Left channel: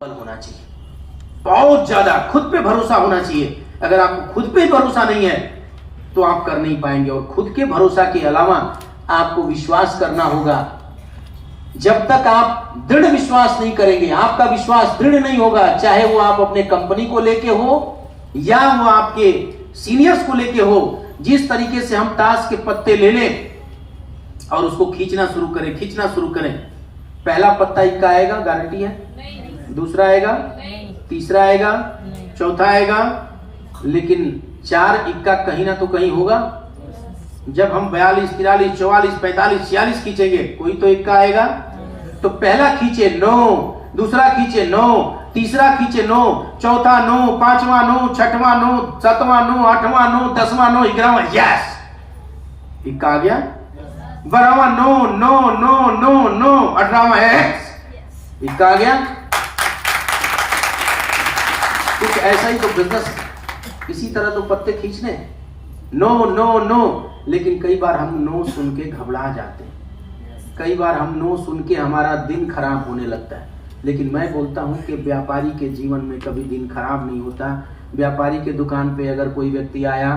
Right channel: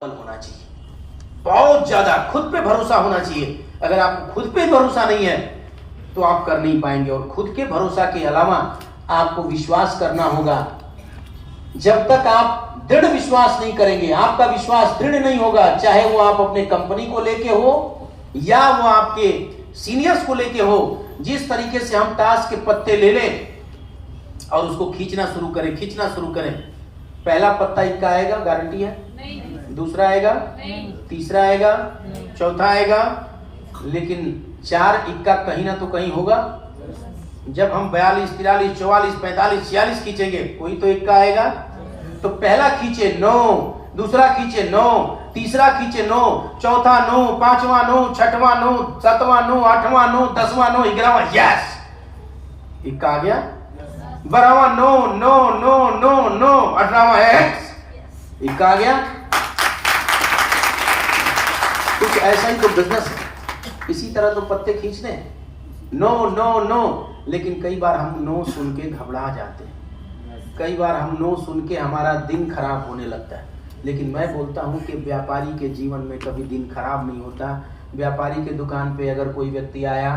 होना चाहिए, बहुत ज्यादा खुद पे भरोसा होना चाहिए। अगर आपको खुद पे भरोसा नहीं है तो आप कर नहीं पाएंगे। और खुद के भरोसा के अलावा आपको विश्वास करना होगा। जब तक आप दृढ़ विश्वास नहीं करेंगे, आपका विश्वास दृढ़ नहीं होगा, चाहे वो आप अपने कंपनी को लेके हो या वो आपके सीनियर्स को लेके हो। जिस तरीके से हम ताश के पत्ते ले लें और उसको खींचना शुरू करें, पहला पत्ता इक्का आएगा, गारंटी है? नहीं। दूसरा आएगा? नहीं। तीसरा आएगा? नहीं। चौथा आएगा? लेकिन 4 इक्का कहीं ना तो कहीं होगा। जब हम 42, 43, 44, 45, 46 खींचेंगे, कोई तो इक्का आएगा। तो पहला खींचे 9, दूसरा खींचे 9, तीसरा खींचे 9, चौथा 9, पांचवा 9, छठवां 9, 7वां 9, 8वां 9, 10वां 9, 11वां, यस, इक्का आ गया। 12वां 9, 9, 9, 9, 9, 18वां एक्स, इक्का आ गया। कुछ ऐसा ही तो बिजनेस है। इसी तरह तो पत्ते खींचने 9, 9, 9, लेकिन कई बार हम 9 सुन के घबरा जाते हैं। कई बार हम 9 सुन के हमारा दिन खराब होने लगता है। लेकिन मैं बोलता हूं कि व्यापारी के जीवन में कभी दिन खराब नहीं होता। व्यापारी के दुकान पे अगर कोई व्यक्ति आया,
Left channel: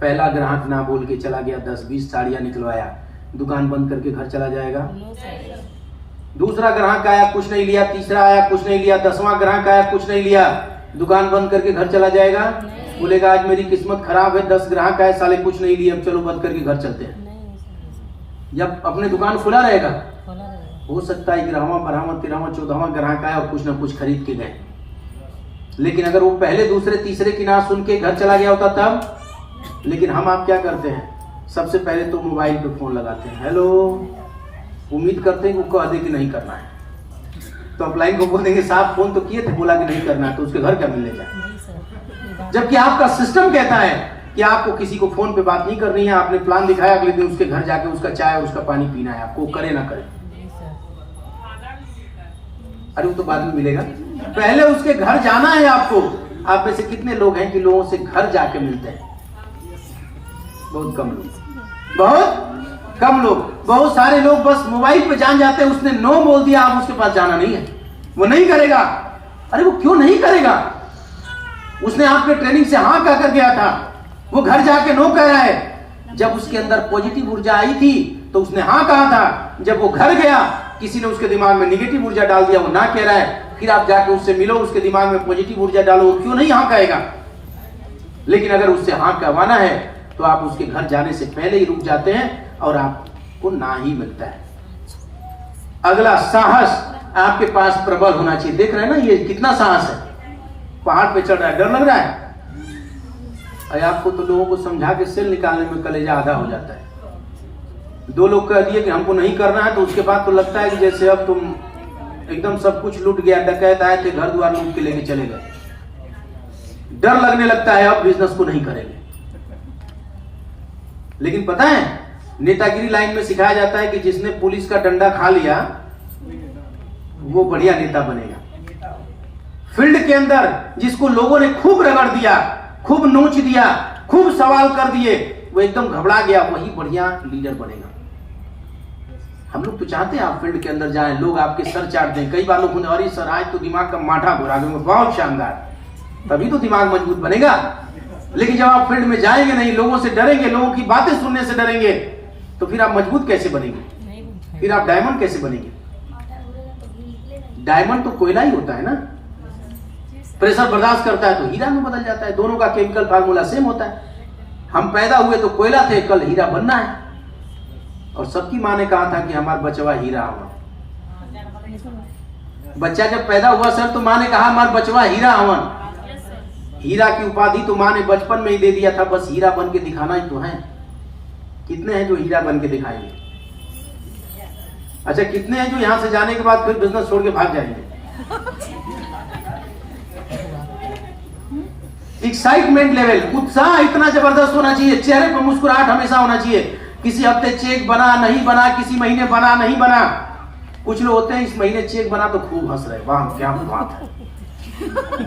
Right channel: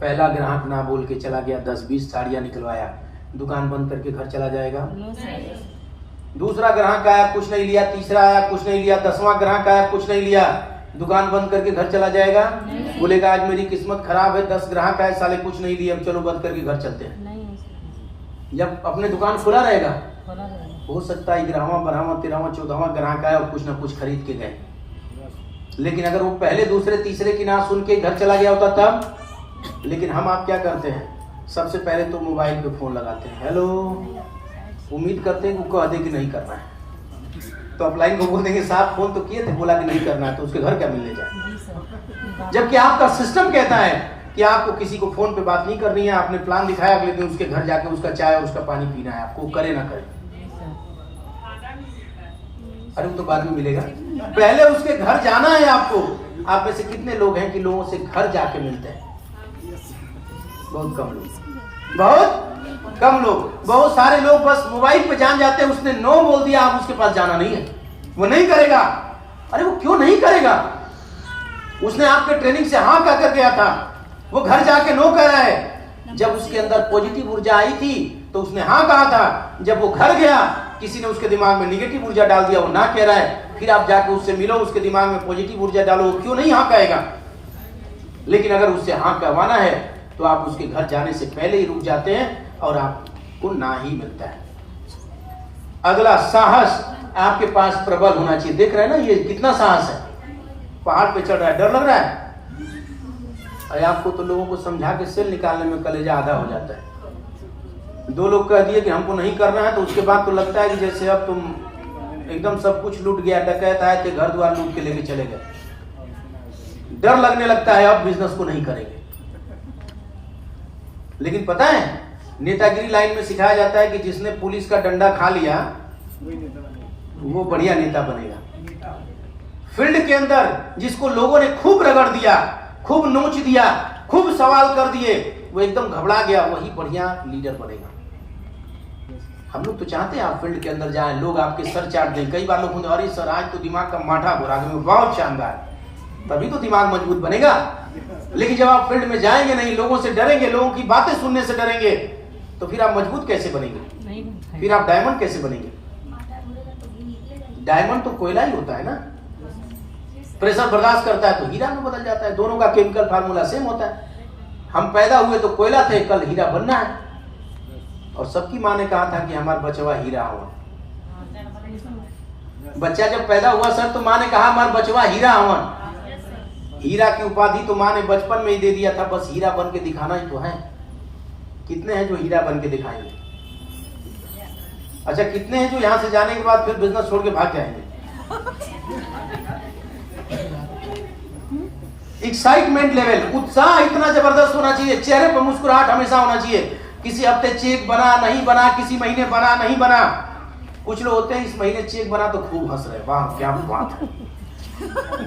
पहला ग्राहक ना बोल के चला गया, 10-20 साड़ियां निकलवाया, दुकान बंद करके घर चला जाएगा? दूसरा ग्राहक आया, कुछ नहीं लिया, तीसरा आया, कुछ नहीं लिया, 10वां ग्राहक आया, कुछ नहीं लिया, दुकान बंद करके घर चला जाएगा? बोलेगा आज मेरी किस्मत खराब है, 10 ग्राहक आए, साले कुछ नहीं लिए, अब चलो बंद करके घर चलते हैं। जब अपने दुकान खुला रहेगा, हो सकता है 11वां, 12वां, 13वां, 14वां ग्राहक आया और कुछ ना कुछ खरीद के गए। लेकिन अगर वो पहले, दूसरे, तीसरे की ना सुन के घर चला गया होता तब। लेकिन हम आप क्या करते हैं, सबसे पहले तो मोबाइल पे फोन लगाते हैं, हेलो, उम्मीद करते हैं कि कह दे कि नहीं करना है। तो अपलाइन को बोलेंगे साहब फोन तो किए थे, बोला कि नहीं करना है, तो उसके घर क्या मिलने जाए। जबकि आपका सिस्टम कहता है कि आपको किसी को फोन पे बात नहीं करनी है। आपने प्लान दिखाया, अगले दिन उसके घर जाके उसका चाय, उसका पानी पीना है, आपको करे ना करे। अरे वो तो बाद में मिलेगा, पहले उसके घर जाना है आपको। आप में से कितने लोग हैं कि लोगों से घर जाके मिलते हैं? बहुत कम लोग, बहुत कम लोग। बहुत सारे लोग बस मोबाइल पे जान जाते हैं, उसने नो बोल दिया, आप उसके पास जाना नहीं है, वो नहीं करेगा। अरे वो क्यों नहीं करेगा? उसने आपके ट्रेनिंग से हाँ कह कर गया था, वो घर जाके नो कह रहा है। जब उसके अंदर पॉजिटिव ऊर्जा आई थी तो उसने हाँ कहा था। जब वो घर गया, किसी ने उसके दिमाग में निगेटिव ऊर्जा डाल दिया, वो ना कह रहा है। फिर आप जाके उससे मिलो, उसके दिमाग में पॉजिटिव ऊर्जा डालो, क्यों नहीं हाँ कहेगा? लेकिन अगर उससे हाँ कहवाना है तो आप उसके घर जाने से पहले ही रुक जाते हैं और आपको ना ही मिलता है। अगला, साहस आपके पास प्रबल होना चाहिए। देख रहे हैं ना ये कितना साहस है, पहाड़ पे चढ़ रहा है, डर लग रहा है। अरे आपको तो लोगों को समझा के सेल निकालने में कलेजा आधा हो जाता है। 2 लोग कह दिए कि हमको नहीं करना है, तो उसके बाद तो लगता है कि जैसे अब तुम एकदम सब कुछ लूट गया, डकैत आए थे, घर द्वार लूट के लेके चले गए। डर लगने लगता है, अब बिजनेस को नहीं करेंगे। लेकिन पता है, नेतागिरी लाइन में सिखाया जाता है कि जिसने पुलिस का डंडा खा लिया वो बढ़िया नेता बनेगा। फील्ड के अंदर जिसको लोगों ने खूब रगड़ दिया, खूब नोच दिया, खूब सवाल कर दिए, वो एकदम घबरा गया, वही बढ़िया लीडर बनेगा। हम लोग तो चाहते हैं आप फील्ड के अंदर जाएं, लोग आपके सर चाट दें। कई बार लोग बोलते हैं अरे सर आज तो दिमाग का माठा घुरा दूंगा, बहुत शानदार, तभी तो दिमाग मजबूत बनेगा। लेकिन जब आप फील्ड में जाएंगे नहीं, लोगों से डरेंगे, लोगों की बातें सुनने से डरेंगे, तो फिर आप मजबूत कैसे बनेंगे? फिर आप डायमंड कैसे बनेंगे? डायमंड तो कोयला ही होता है ना, प्रेशर बर्दाश्त करता है तो हीरा में बदल जाता है। दोनों का केमिकल फार्मूला सेम होता है। हम पैदा हुए तो कोयला थे, कल हीरा बनना है। और सबकी माँ ने कहा था कि हमारा बचवा हीरा होगा। बच्चा जब पैदा हुआ सर, तो माँ ने कहा हमारा बचवा हीरा हवन। हीरा की उपाधि तो माँ ने बचपन में ही दे दिया था, बस हीरा बन के दिखाना ही तो है। कितने हैं जो हीरा बन के दिखाएंगे? अच्छा, कितने हैं जो यहां से जाने के बाद फिर बिजनेस छोड़ के भाग जाएंगे? एक्साइटमेंट लेवल, उत्साह इतना जबरदस्त होना चाहिए, चेहरे पर मुस्कुराहट हमेशा होना चाहिए। किसी हफ्ते चेक बना नहीं बना, किसी महीने बना नहीं बना। कुछ लोग होते हैं इस महीने चेक बना तो खूब हंस रहे, वाह क्या बात है,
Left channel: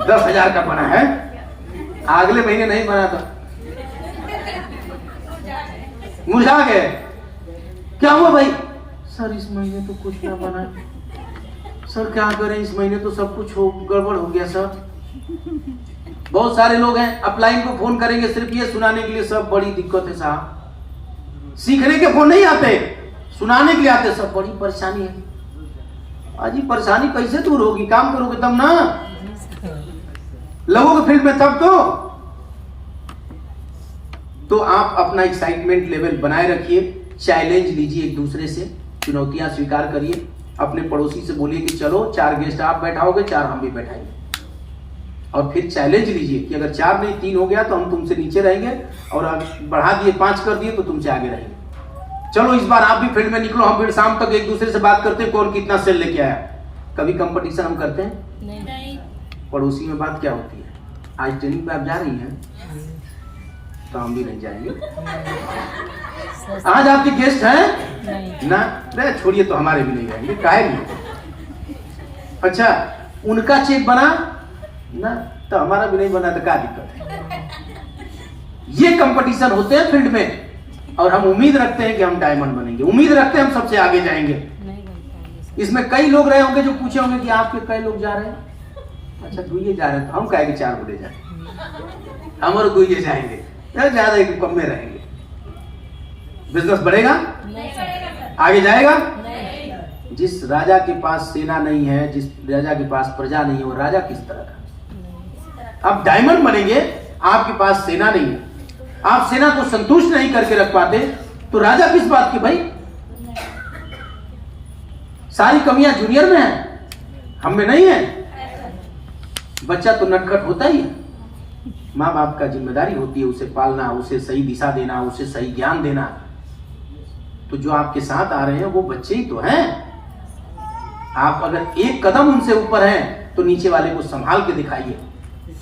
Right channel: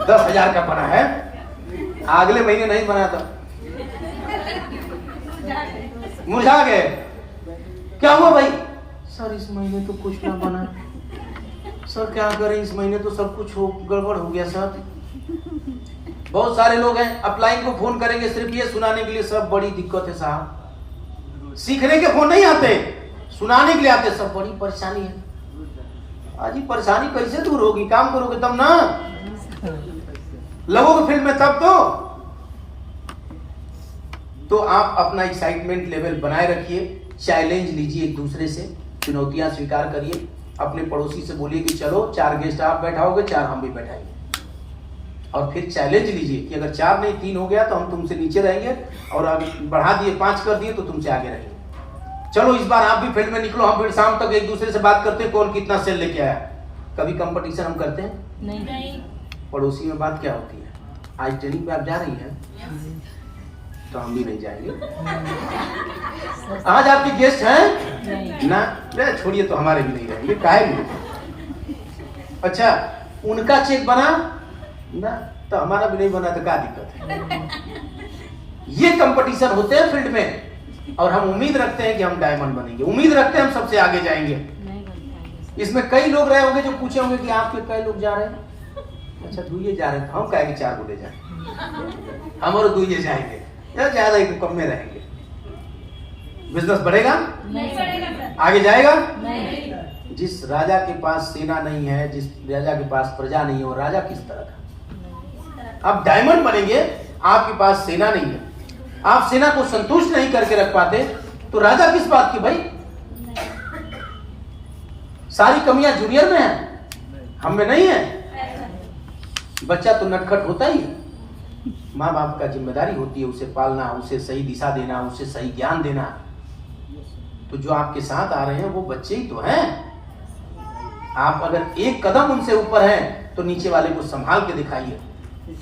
10,000 का बना है, अगले महीने नहीं बना तो मुरझा गए। क्या हुआ भाई? सर इस महीने तो कुछ ना बना। सर क्या करें, इस महीने तो सब कुछ गड़बड़ हो गया सर। बहुत सारे लोग हैं अपलाइन को फोन करेंगे सिर्फ ये सुनाने के लिए, सब बड़ी दिक्कत है साहब। सीखने के फोन नहीं आते, सुनाने के लिए आते, सब बड़ी परेशानी है। आज परेशानी कैसे दूर होगी, काम करोगे तब ना, लगोगे फील्ड में तब तो आप अपना एक्साइटमेंट लेवल बनाए रखिए, चैलेंज लीजिए एक दूसरे से, चुनौतियां स्वीकार करिए। अपने पड़ोसी से बोलिए कि चलो 4 गेस्ट आप बैठाओगे, 4 हम भी बैठाएंगे, और फिर चैलेंज लीजिए कि अगर 4 नहीं 3 हो गया तो हम तुमसे नीचे रहेंगे, और अगर बढ़ा दिए 5 कर दिए तो तुमसे आगे रहेंगे। चलो इस बार आप भी फील्ड में निकलो, हम फिर शाम तक एक दूसरे से बात करते हैं कौन कितना सेल लेके आया। कभी कंपटीशन हम करते हैं? नहीं। पड़ोसी में बात क्या होती है, आज ट्रेनिंग पे आप जा रही हैं तो हम भी नहीं जाएंगे, आज आपके गेस्ट हैं ना, नहीं छोड़िए तो हमारे भी नहीं रहेंगे, काहे भी। अच्छा उनका चेक बना ना तो हमारा भी नहीं बना तो क्या दिक्कत है। ये कंपटीशन होते हैं फील्ड में, और हम उम्मीद रखते हैं कि हम डायमंड बनेंगे, उम्मीद रखते हैं हम सबसे आगे जाएंगे। इसमें कई लोग रहे होंगे जो पूछे होंगे कि आपके कई लोग जा रहे हैं, अच्छा 2 जा रहे हैं, हम कहेंगे 4 बोले जाए, हमारे 2 जाएंगे, ज्यादा एक कम में रहेंगे। बिजनेस बढ़ेगा? नहीं बढ़ेगा। आगे जाएगा? नहीं। जिस राजा के पास सेना नहीं है, जिस राजा के पास प्रजा नहीं है, वो राजा किस तरह का? आप डायमंड बनेंगे, आपके पास सेना नहीं है, आप सेना को संतुष्ट नहीं करके रख पाते, तो राजा किस बात की भाई? सारी कमियां जूनियर में है, हम में नहीं है। बच्चा तो नटखट होता ही है, माँ बाप का जिम्मेदारी होती है उसे पालना, उसे सही दिशा देना, उसे सही ज्ञान देना। तो जो आपके साथ आ रहे हैं वो बच्चे ही तो हैं। आप अगर एक कदम उनसे ऊपर हैं तो नीचे वाले को संभाल के दिखाइए।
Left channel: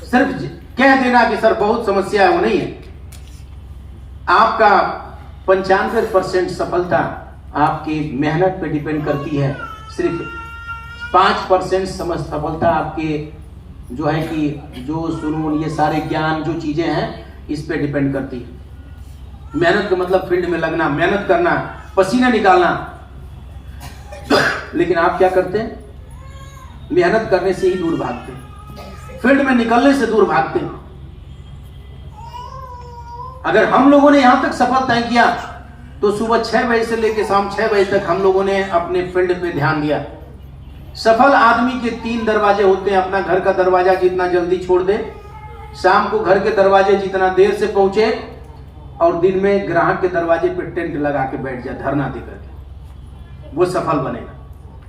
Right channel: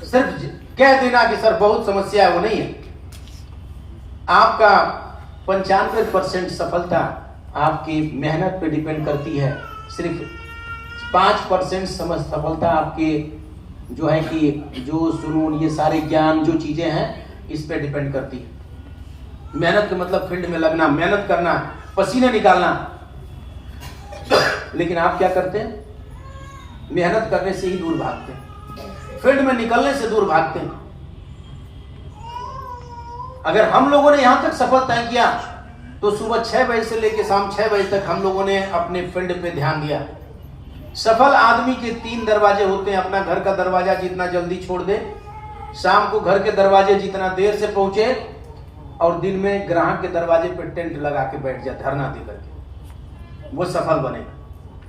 सिर्फ कह देना कि सर बहुत समस्या है, वो नहीं है। आपका 95% सफलता आपकी मेहनत पे डिपेंड करती है, सिर्फ 5% सफलता आपके जो है कि जो सुनून ये सारे ज्ञान जो चीजें हैं इस पे डिपेंड करती है। मेहनत का मतलब फील्ड में लगना, मेहनत करना, पसीना निकालना। लेकिन आप क्या करते हैं? मेहनत करने से ही दूर भागते हैं, फील्ड में निकलने से दूर भागते हैं। अगर हम लोगों ने यहां तक सफल तय किया तो सुबह 6 बजे से लेकर शाम 6 बजे तक हम लोगों ने अपने फील्ड पे ध्यान दिया। सफल आदमी के 3 दरवाजे होते हैं, अपना घर का दरवाजा जितना जल्दी छोड़ दे, शाम को घर के दरवाजे जितना देर से पहुंचे, और दिन में ग्राहक के दरवाजे पे टेंट लगा के बैठ जाए धरना देकर के, वो सफल बनेगा।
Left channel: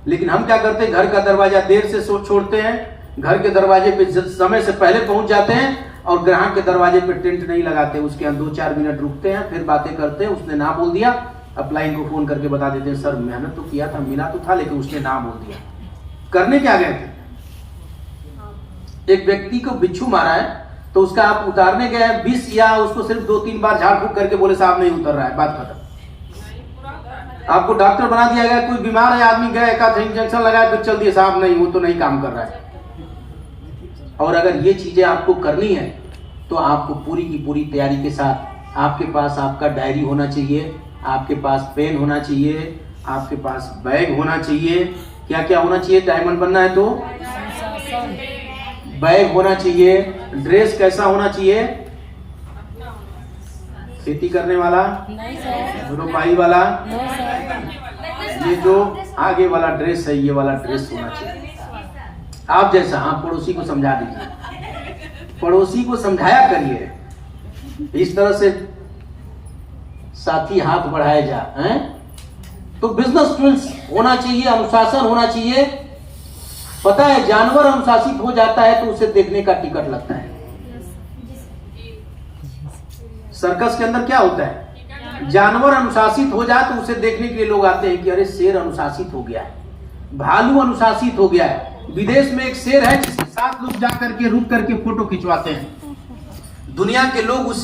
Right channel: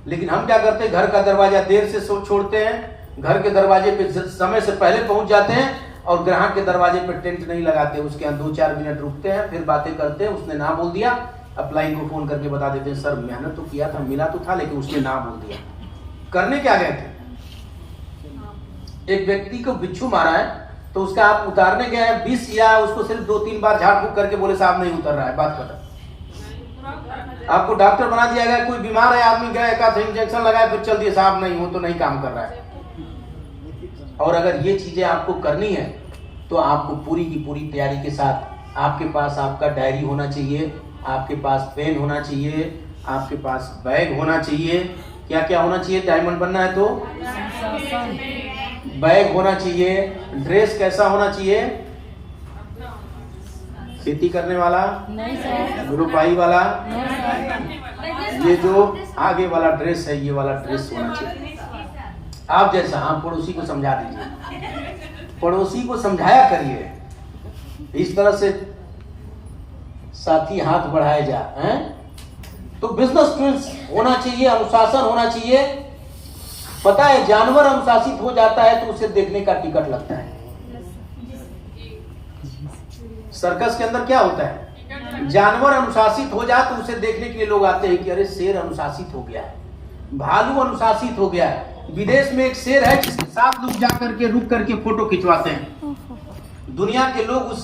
लेकिन हम क्या करते हैं, घर का दरवाजा देर से छोड़ते हैं, घर के दरवाजे पे समय से पहले पहुंच जाते हैं, और ग्राहक के दरवाजे पे टेंट नहीं लगाते, उसके यहाँ 2-4 मिनट रुकते हैं, फिर बातें करते हैं। उसने ना बोल दिया, अपलाइन को फोन करके बता देते हैं सर मेहनत तो किया था, मिला तो था, लेकिन उसने ना बोल दिया। करने क्या गए थे? एक व्यक्ति को बिच्छू मारा है तो उसका आप उतारने गए विष, या उसको सिर्फ 2-3 बार झाड़ फूक करके बोले साहब नहीं उतर रहा है, बात खत्म। आपको डॉक्टर बना दिया गया, कोई बीमार है आदमी गए, एक आध इंजेक्शन लगाया तो चल दिए साहब नहीं वो तो नहीं काम कर रहा है। और अगर ये चीजें आपको करनी है तो आपको पूरी की पूरी तैयारी के साथ, आपके पास आपका डायरी होना चाहिए, आपके पास पेन होना चाहिए, आपके पास बैग होना चाहिए। क्या क्या होना चाहिए? डायमंड बनना है तो बैग होना चाहिए। ड्रेस कैसा होना चाहिए? खेती करने वाला, रुपाई वाला, ये जो आगे वाला ड्रेस है ये वाला ड्रेस होना चाहिए। आप जैसा, आप पड़ोसी को समझा दीजिए, पड़ोसी को समझाया करिए, इस तरह से साथी हाथ बढ़ाए जा हैं। तो बिजनेस स्किल्स होना चाहिए, अनुशासन होना चाहिए। पता है जानवर अनुशासित हो जाता है तो उसे देखने का टिकट लगता है। सर्कस के अंदर क्या होता है, जानवर अनुशासित हो जाए तो उसे देखने के लिए लोग आते हैं कि अरे शेर अनुशासित हो गया है, भालू अनुशासित हो गया है। विदेश में एक शेर है जिसके साथ लोग जाकर के रुक करके फोटो खिंचवाते हैं, दुनिया के लोग उस